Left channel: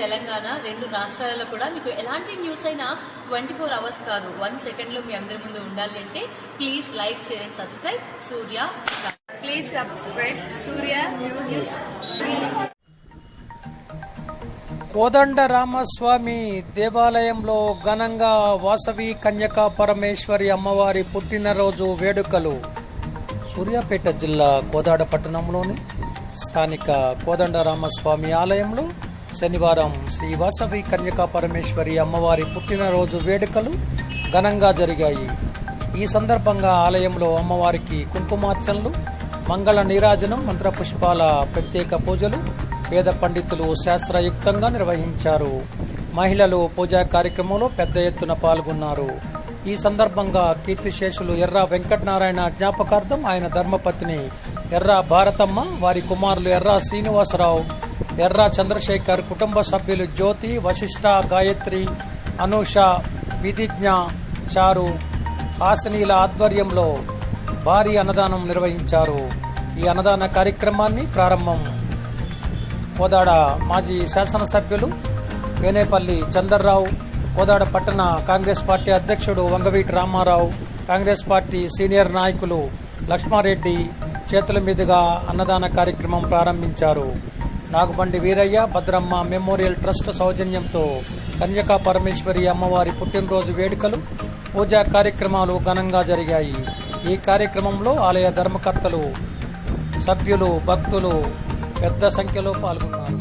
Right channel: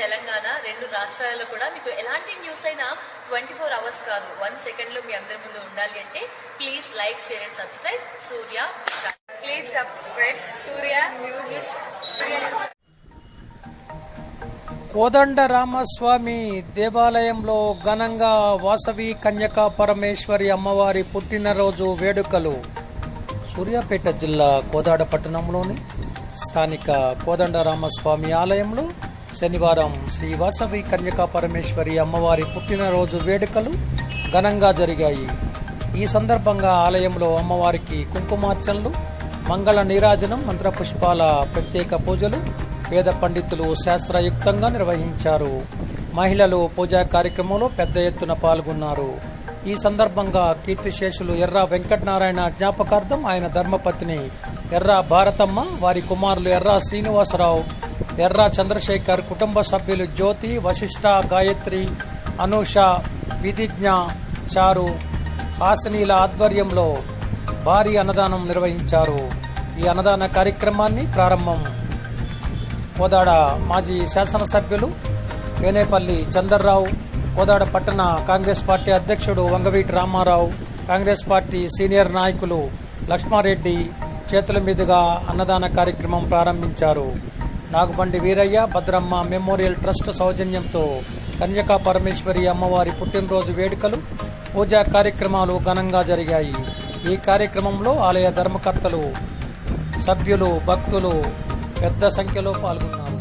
తెలంగాణ రెండు రాష్ట్రాలలో కూడా మీకు ఎలాంటి న్యూస్ అయినా 24 అవర్స్ కాదు 1 సెకండ్లో మీ అందరి ముందు ఉండాలి అంటే please like, share and subscribe Surya. Please subscribe Surya news. Kodandarama Swamy దేవాలయంలో ఘనంగా వాసవి కన్యకా పరమేశ్వరి అమ్మవారి పుట్టినరోజు వేడుకలు. సూర్యాపేట జిల్లా కోదాడ పట్టణంలోని స్థానిక కోదండరామస్వామి ఆలయంలో శనివారం శ్రీ వాసవి కన్యకా పరమేశ్వరి అమ్మవారి పుట్టినరోజు వేడుకలు ఘనంగా జరిగాయి. ఈ సందర్భంగా ఆలయంలో అమ్మవారికి కుంకుమార్చనలు, మంగళ నీరాజనం, మంత్రపుష్పాల ప్రత్యేక పూజలు వేద పండితులు శాస్త్రయుక్తంగా నిర్వహించారు. మహిళలు పూజా కార్యక్రమంలో పెద్ద ఎత్తున పాల్గొన్నారు. ఈ సందర్భంగా కీర్తిశేషులు ఎర్ర వెంకటనారాయణ జ్ఞాపకార్థం ఆయన ధర్మపత్ని ఎర్ర భారతమ్మ, వారి కుమారులు ఎర్ర శ్రీనివాసరావు, ఎర్ర చంద్రశేఖర్, కుటుంబ సభ్యులు జ్యోతి, వశిష్ఠ, గాయత్రి, అనూష, విధిజ్ఞ, చారు, హాసనీల ఆధ్వర్యంలో భారీ అన్నదానం నిర్వహించారు. ఈ అన్నదాన కార్యక్రమాన్ని ప్రారంభం కోదాడ మాజీ శాసనసభ్యులు వేనేపల్లి చందర్రావు, కోదాడ పట్టణ కాంగ్రెస్ పార్టీ అధ్యక్షుడు వంగవీటి రామారావు, కాంగ్రెస్ పార్టీ సీనియర్ నాయకులు లక్ష్మారెడ్డి చేతుల మీదుగా అన్నదాన కార్యక్రమం ప్రారంభించారు. నాగుబండి వీరయ్య, భద్రమ్మ మెమోరియల్ ట్రస్ట్ సౌజన్యంతో కన్యకా పరమేశ్వరి అమ్మవారి పుట్టినరోజు వేడుకలు, పూజా కార్యక్రమాలు ఘనంగా జరిగాయి. ఈ కార్యక్రమంలో ఆలయ ధర్మకర్తలు, సభ్యులు, భక్తులు పెద్ద సంఖ్యలో పాల్గొన్నారు.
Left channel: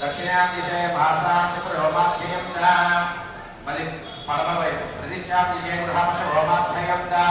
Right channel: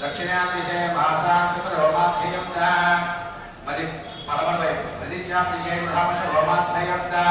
దక్షిణాం దిశే భాషామిత్రోమాధ్యయంతా మరి పడమ వైపు ప్రతిజ్ఞాం దిశే గృహమశోమాధ్యయంతా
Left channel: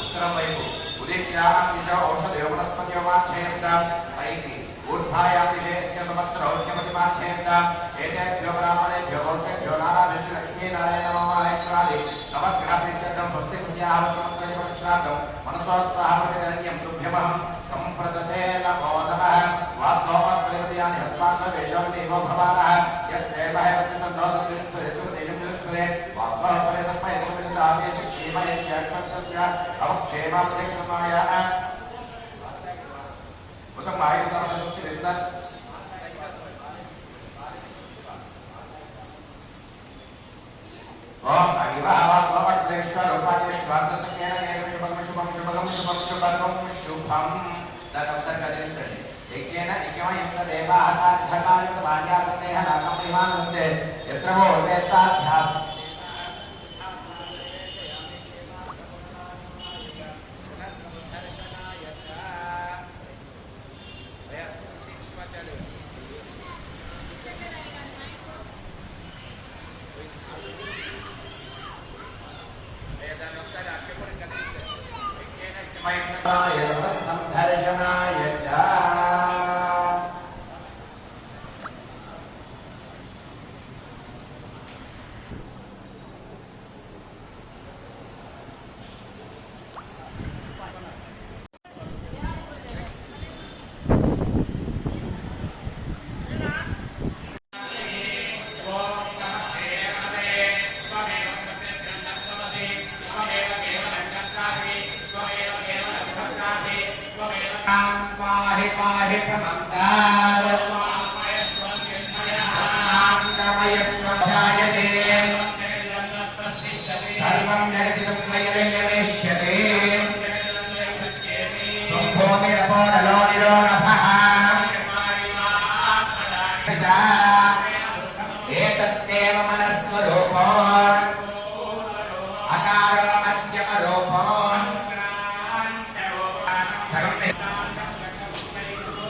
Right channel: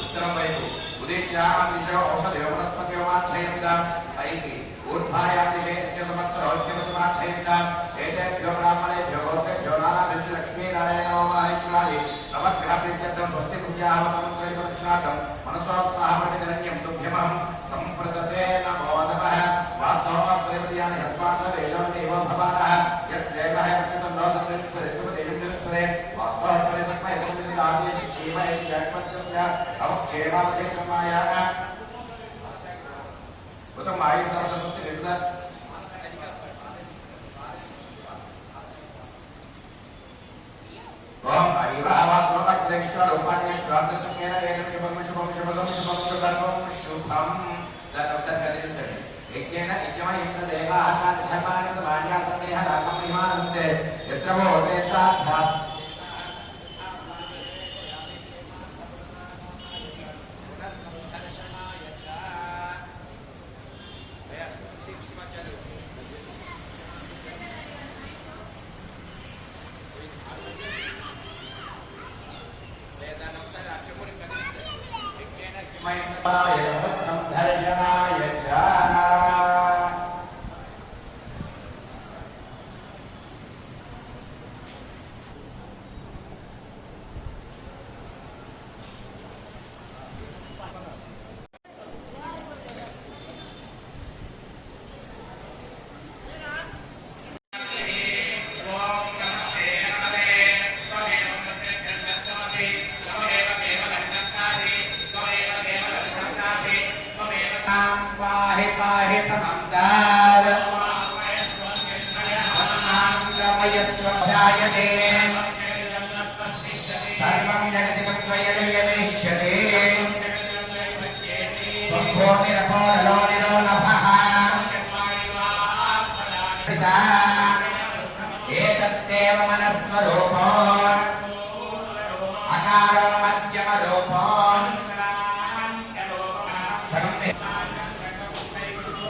ఉత్తరం వైపు ఉదిత్యాం దిశ ఔషధయోమనస్పత్యోమాధ్యయంతా పైకి ఊర్ధ్వాయాం దిశే నిత్యసమస్త్రౌక్యమసమాధ్యయంతా ఏతేభ్యో బ్రాహ్మణేభ్యో భౌత్యేభ్యో నారాయణ లక్ష్మీనారాయణ మహామహేశ్వరాది నవగ్రహప్రీత్యర్థం స్వస్తి పూజావతం త్రైవశ్రాకం మనసోత్సాహపతిరణ్యం తుభ్యమహం సంప్రదతే నమో నమః. వాస్తవప్రతిపదియాని యస్మాత్ర వేషోన్నేవ భవానః యస్సేవహ ప్రతిపదిస్తుపదేతుపదేతుపదే వాస్తవప్రతిసత్మయస్పతిలాభేషు క్షేమ ఇత్యాక్షస్య అవక్షేమాపదేక్రమాయ ఉతం ఆయుధర్మస్తి విద్ద ఓం ఐవావాత్మవద్వేశ్వర రూపాణేశ్వరార్ధసంకేన ఏకం శుభం శుభం శుభం శుభం శుభం శుభం తత్సర్గదేశే ఏకేన ఇకమయుక్త దేవాహాకార్యకార్య రాజ్యాసనేహ రామమహిమానందే యత్రవో దేశాభ్యాస్ సందర్శనాయ చ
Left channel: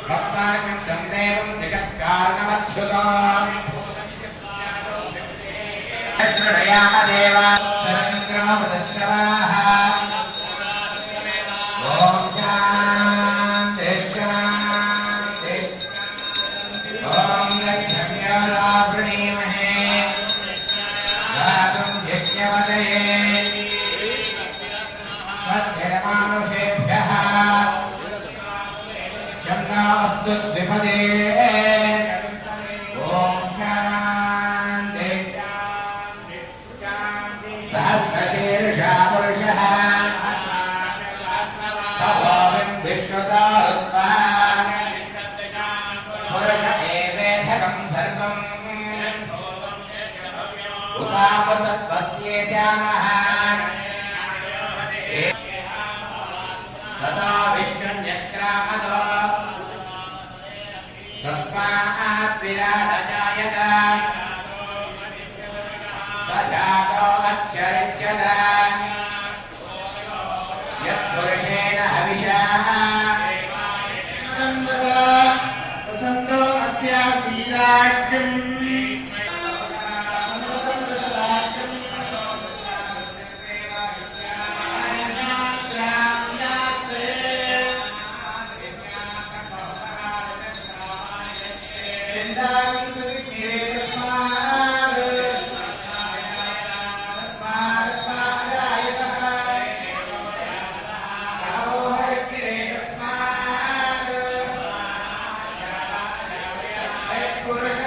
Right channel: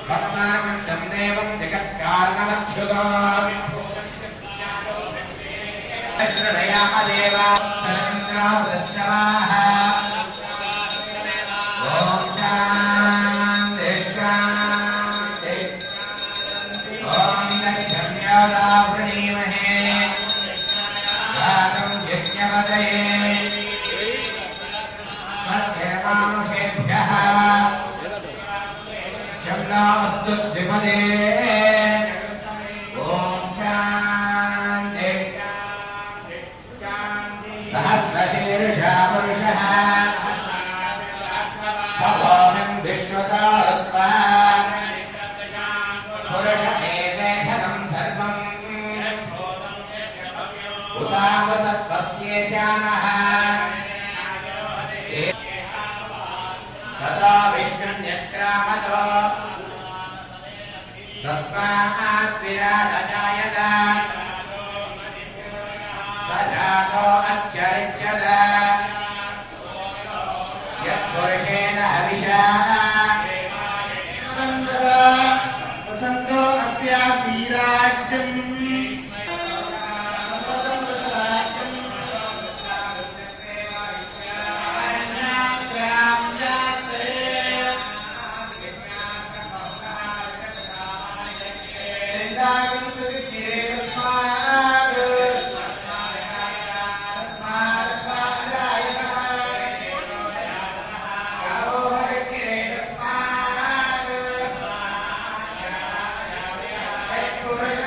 भक्तानन्दं देवं जगत्कारणमच्युताम् शृणयाम देव शरन्द्रामदश्रवाः ॐ शान्ति शान्ति ॐ लक्ष्म्यादा वृणीमहे गातं यज्ञपतये स्वस्तिर्मानुषेभ्यः शम्नामस्तु द्विपदे ॐ शान्ति सहस्रशीर्षा पुरुषः सभोमिं विश्वतारुत्वा पुरुष एवेधकं सर्वम् उपावतत्वस्येशानः तथा विष्णुन्यक्रामतो तस्मात् विराजजायत तथातो अच्छरित्यत यत्पुरुषेण हविषा वसन्तो अस्यासीराज्यम् पुरुष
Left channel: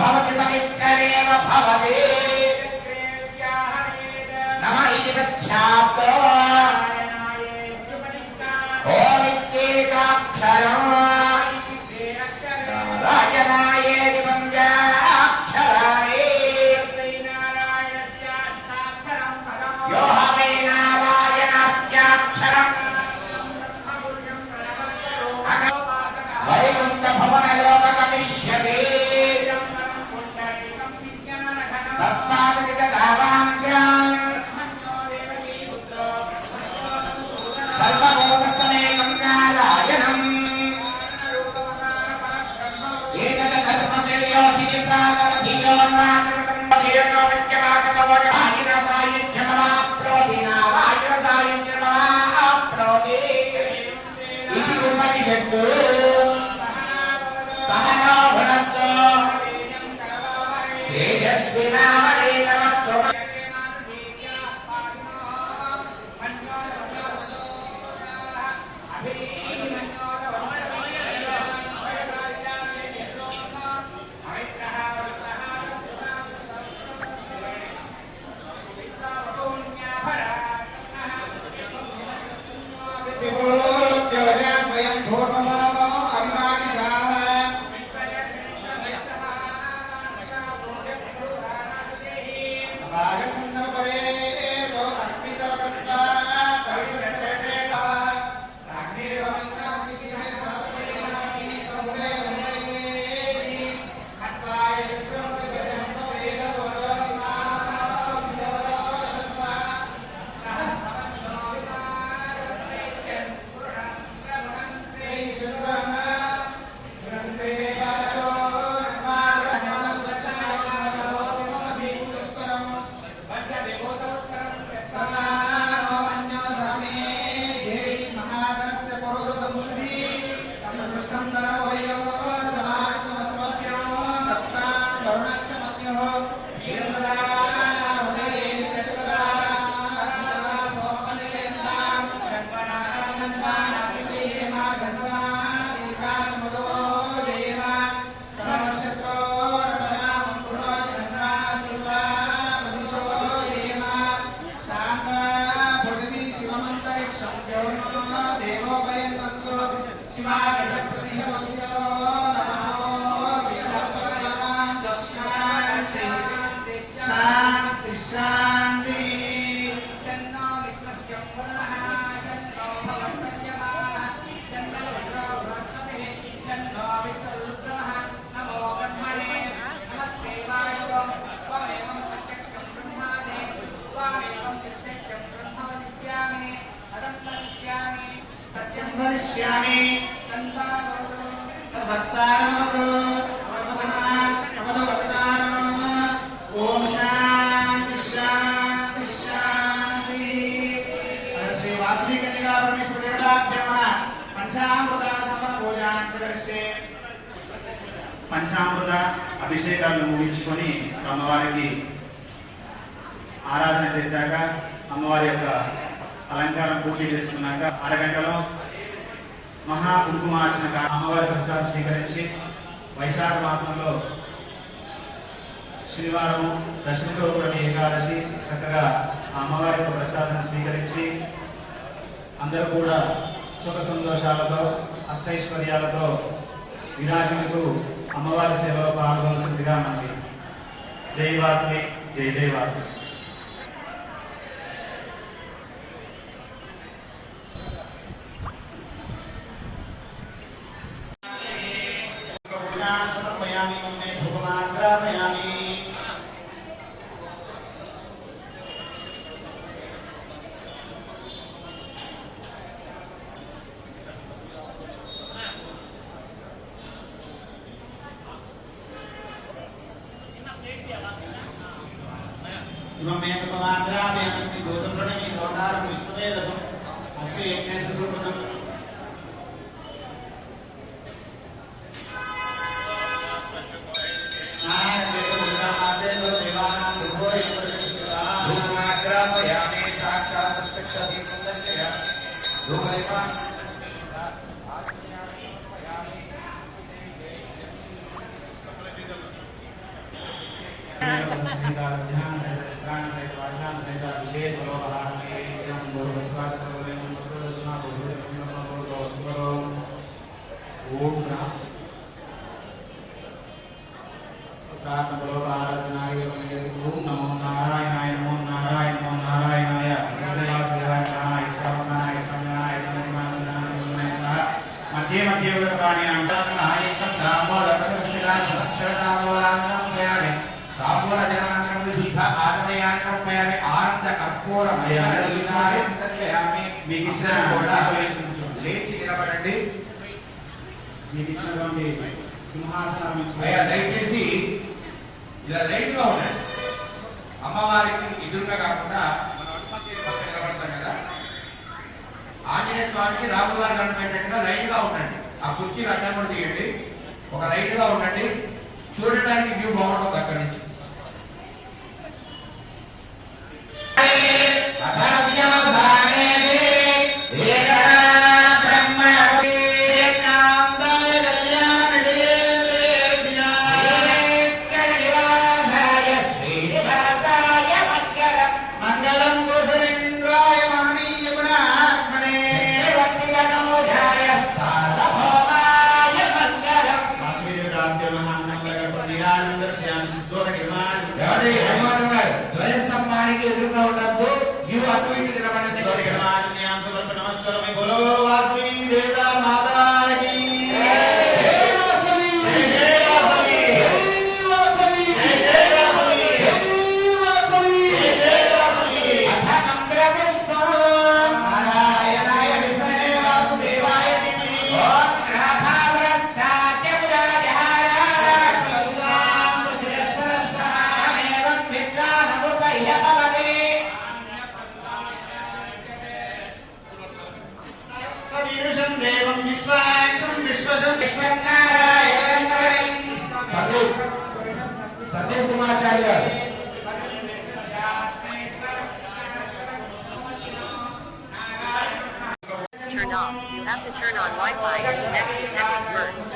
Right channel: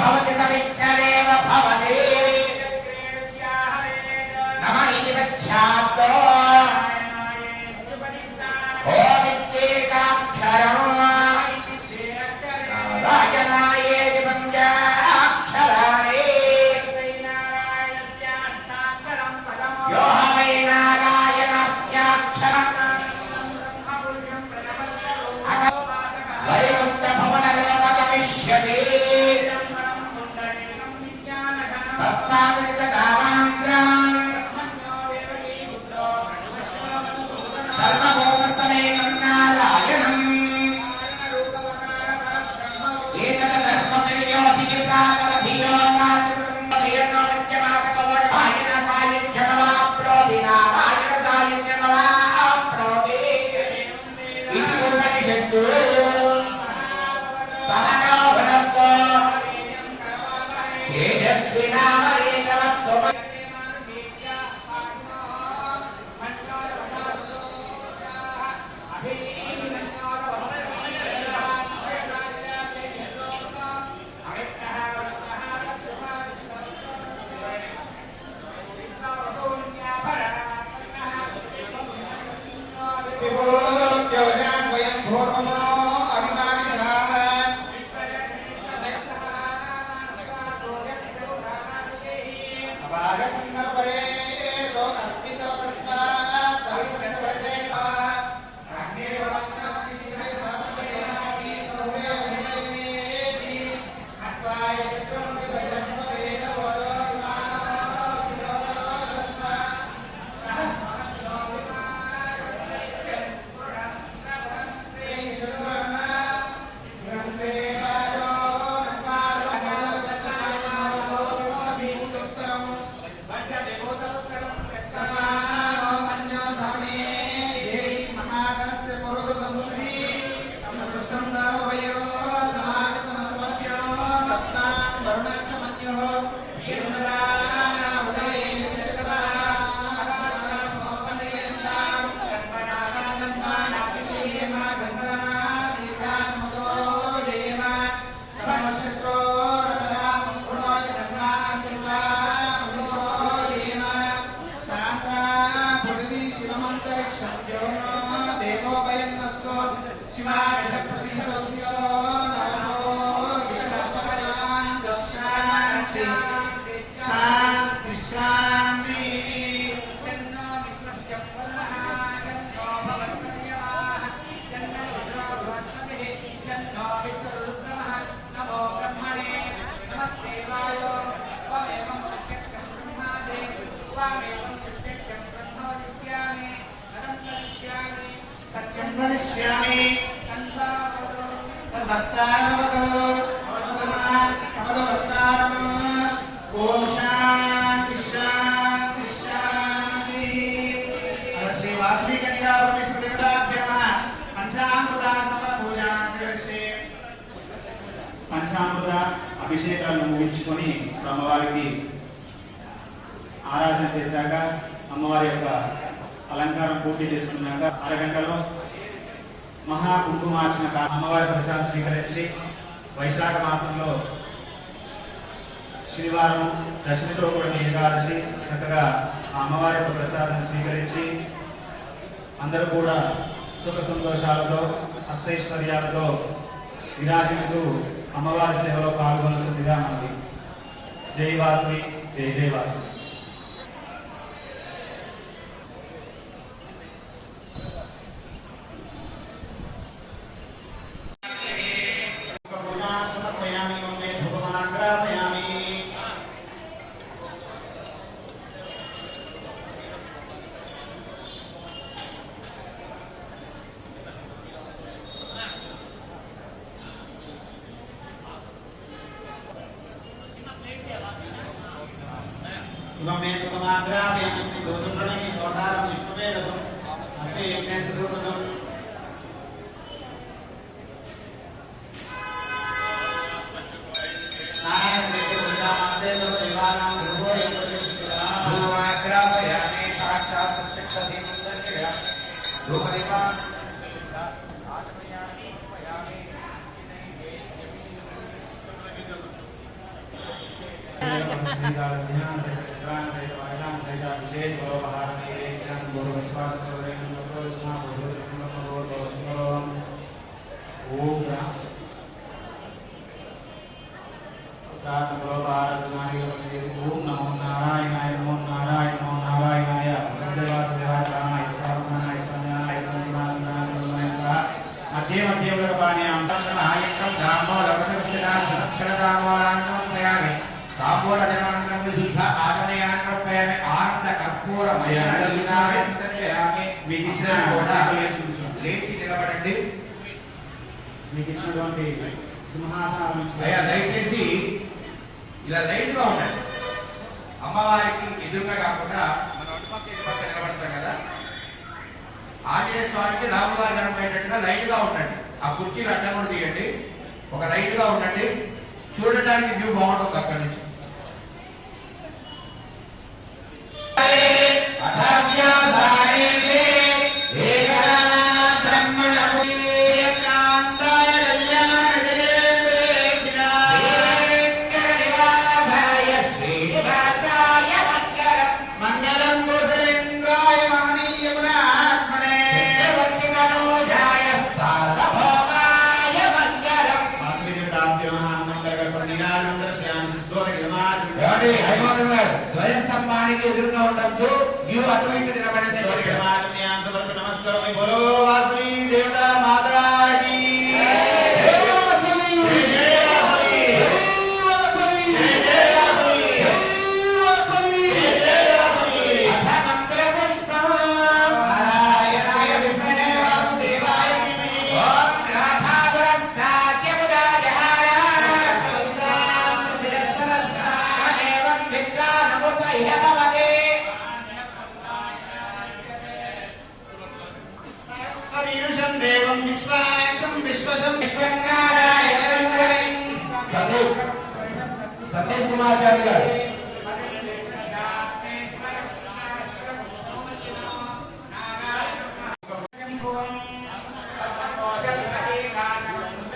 भवति समित्तरेव भवति नम इति वच्याप्तो ओमित्येकाक्षरम् नारायणायेति पञ्चाक्षराणि यो वै नारायणस्याक्षरम् वैकुण्ठभवनलोकगमिष्यति सर्वभूतस्थमेकं नारायणम् ओम शांति शांति शांति। श्री वासवी कन्या परमेश्वर देवताभ्यो नमः। पंचामृतास्मरण पूजांतरिक्षे పంచామృత అభిషేకాలను ముగించుకొని అమ్మవారికి ఆరాధన చేశాక అమ్మవారి యొక్క అలంకారం పూర్తి చేసుకున్నాక అరగంటలో మహా కుంకుమార్చన అమ్మవారి ప్రసాదం స్వీకరించి వైశాఖ మాసంలో శనివారం దశమితో కూడా ఏకాదశి చక్కగా అమ్మవారి యొక్క ప్రసాదం స్వీకరించి అందరూ కూడా సుఖ సంతోషాలతో అష్టైశ్వర్యాలతో విరాజిల్లుతూ అమ్మవారి సేవలో పాల్గొనవలసిందిగా మనకి జై వాసవి జై జై వాసవి. శ్రీకాళ ధ్యాన సహిత చిత్రాణ సహిత వర్షాన సహిత విజయ గౌరవహారణే గౌరవ స్వాగత ఓం ఓం నమో నారాయణాయ నమో నారాయణ నమో నారాయణాయ దేవాసదేవాయ ఈశ్వరాయ ఈశ్వరాయ మధ్య మధ్య పాణ్యాం నాయకం దామోదరక్షరదామోలాన్మయామి తాంబూలజనాన్నం విశుద్ధ ఆగమయాన్మయామి ఆనంద కర్పూరమయామి సత్యయామి. మీకు ఇచ్చిన లేచి నిలబడండి. మీకు ఇచ్చినటువంటి సింహాసనాలు దయచేసి ఇలా లైన్ గా ఉండండి. అమ్మవారికి ఎదురుగా కాకుండా మనం అటుపక్క ఇటుపక్క నిలబడతాం కదా, ఆంజనేయ స్వామికి రాములవారి కనపడేటట్టుగా లైన్ గా ఉండండి. ఆ కుర్చీలు అడ్డం కూడా తీయండి. ఒక లైన్ గా ఉండండి. చూడడానికి వ్యూ బాగుంటుంది అక్కడి నుంచి. ధ్వజస్తంభానికి ఎదురుగా ఉండద్దు. వ్యూ అటు ఇటు నిలబడండి. నమస్కారం. బోలో వాసవి దేవతా మాతాకి సత్యం కుమార్చారి గారు. Turned off. You have to turn on Wi-Fi and connect first.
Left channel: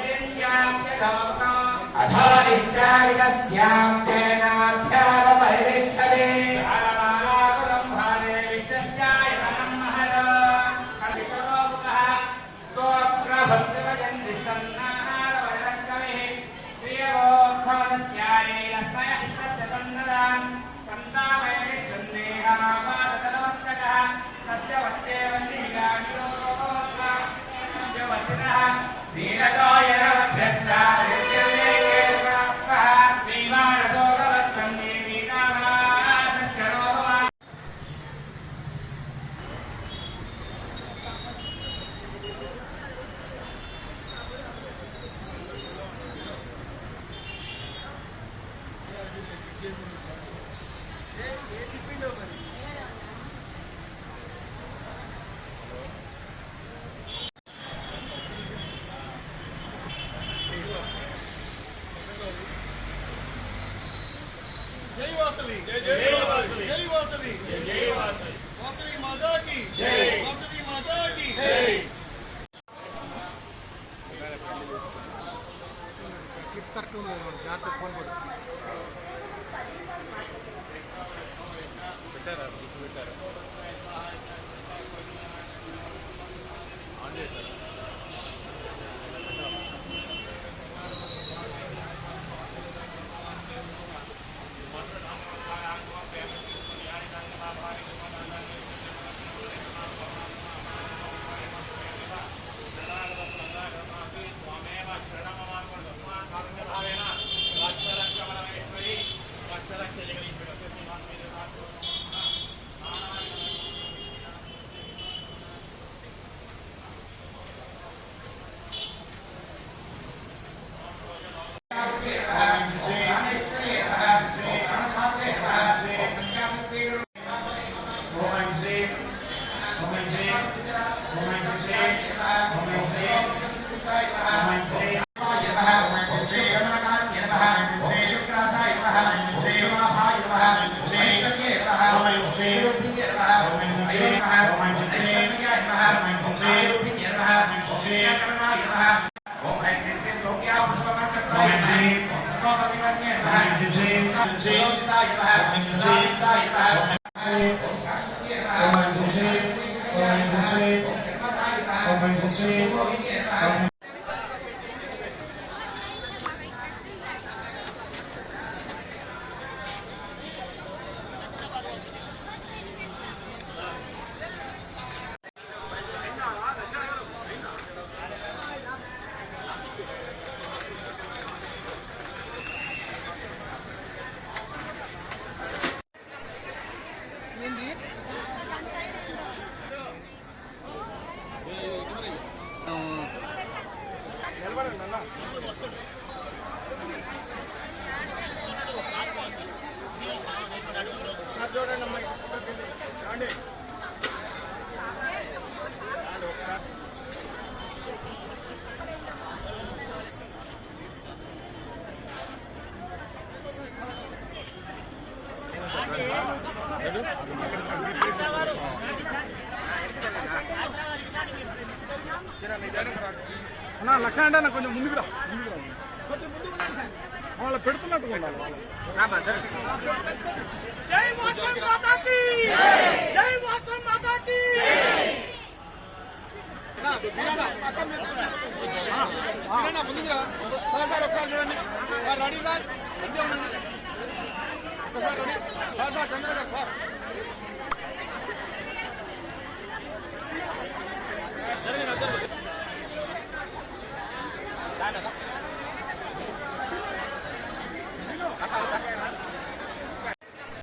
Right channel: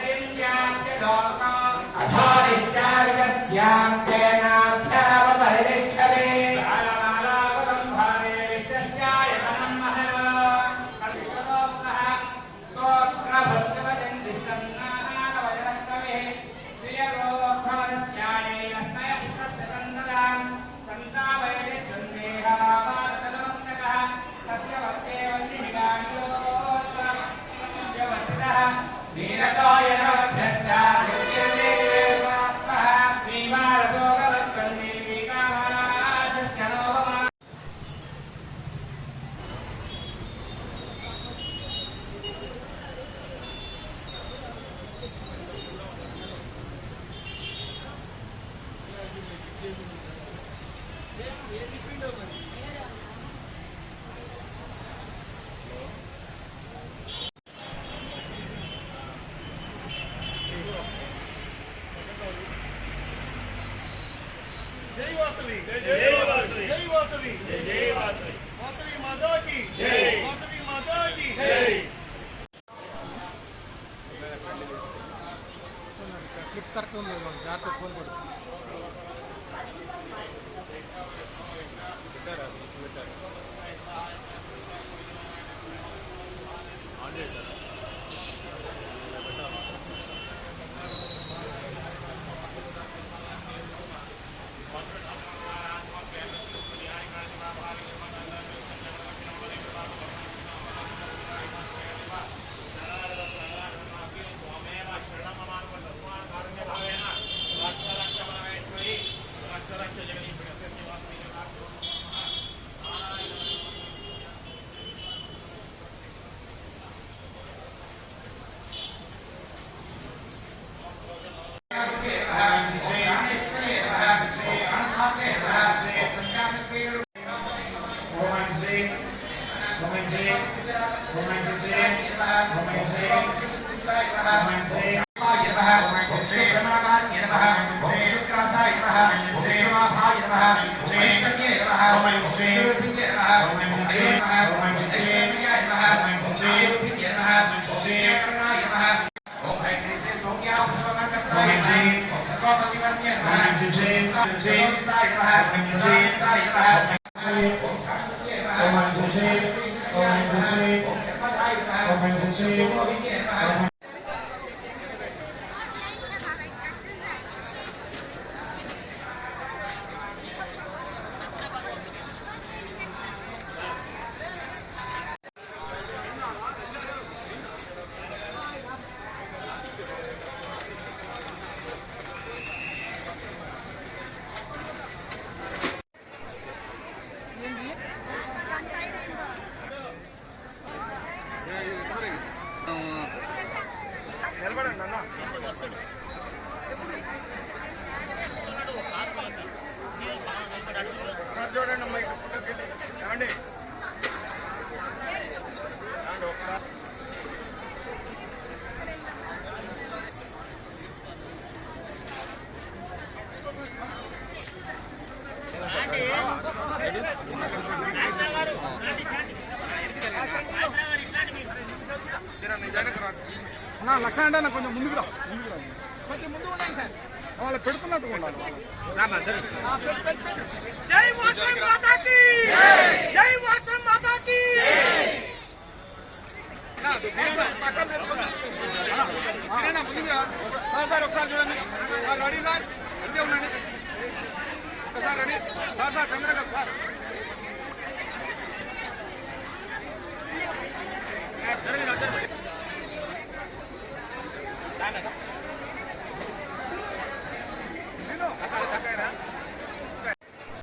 जय वासवी जय वासवी जय वासवी जय वासवी वासवी माता की जय वासवी माता की जय. క్లిక్ కరెక్ట్ జాగ్రత్త ఫోన్ కొడు. పెట్టారా పెట్టారా ఆన్ చేశారా ఇలా పెట్టాలి. Om ఒకసారి చూడండి మైక్ ఏమండి ఒకసారి అన్నా లక్ష అంటే నాకు కొంచెం ముందుకు రా కొంచెం ముందుకు ఉండండి సార్ వాళ్ళు పెడుతున్నట్టుగా ఉండాలి జై వాసవి మాతాకి జై వాసవి మాతాకి ఒకసారి చూడండి సార్ రెడీ సార్ ఒకసారి రెడీ సార్ చంద్రగారు సార్